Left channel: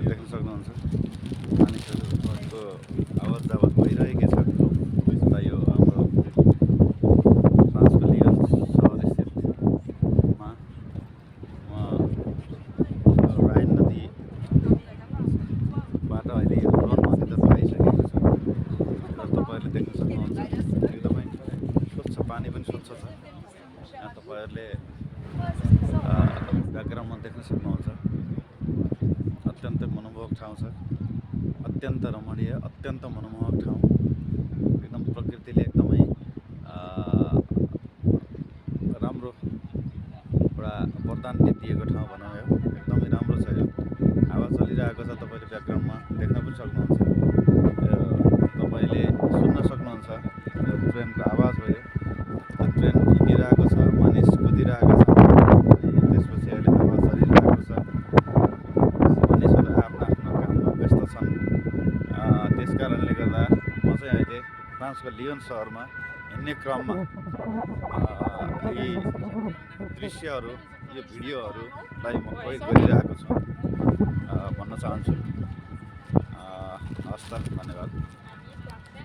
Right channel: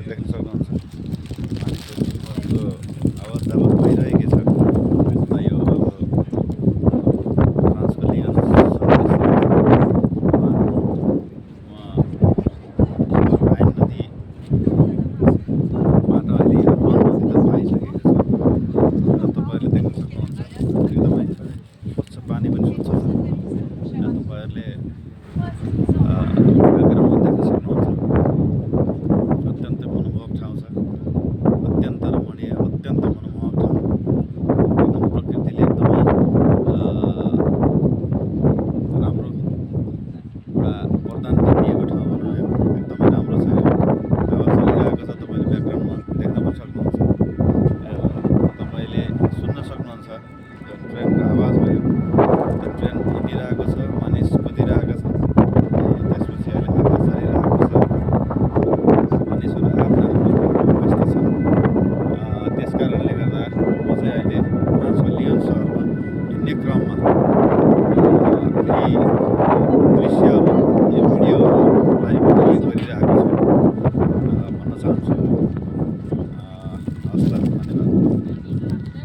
तपाईँले देख्न सक्नुहुन्छ मानिसहरूको आवत जावत भइरहेकै छ। यो हाम्रो फ्रान्सको लियन राइन नदीबाट अहिले यो रन नदी त आइसकेको छ र तपाईँहरूले देख्न सक्नुहुन्छ एकदमै स्वच्छ पानी पनि स्वच्छ छ। तपाईँहरूले ब्याकग्राउन्डमा देख्न सक्नुहुन्छ अत्यन्तै मनमोहक ठाउँ छ, अत्यन्त रमणीय, अत्यन्त मनमोहक ठाउँ। एकदम प्रकृतिले एकदमै राम्रो एउटा वरदान दिएको ठाउँ भनौँ यो। एकदमै राम्रो छ यो। हावा चलिरहेको छ, तपाईँले ब्याकग्राउन्डमा देख्न पनि सक्नुहुन्छ। तपाईँले सुन्न सक्नुहुन्छ यो ट्रेनको आवाज भयो। ट्रेन हिँडिरहेको छ, मानिस कुदिरहेको छ, त्यसपछि अहिले हावा चलिरहेको छ। मानिसहरू आफ्ना आफ्ना काममा व्यस्त छन्। त्यस कारणले गर्दा म चाहिँ अहिले फ्रान्सको लियन सहरमा हिँड्ने क्रममा यी दृश्यहरू, यो भिडियोहरूलाई रिकर्ड गरिरहेको छु भन्न चाहन्छु।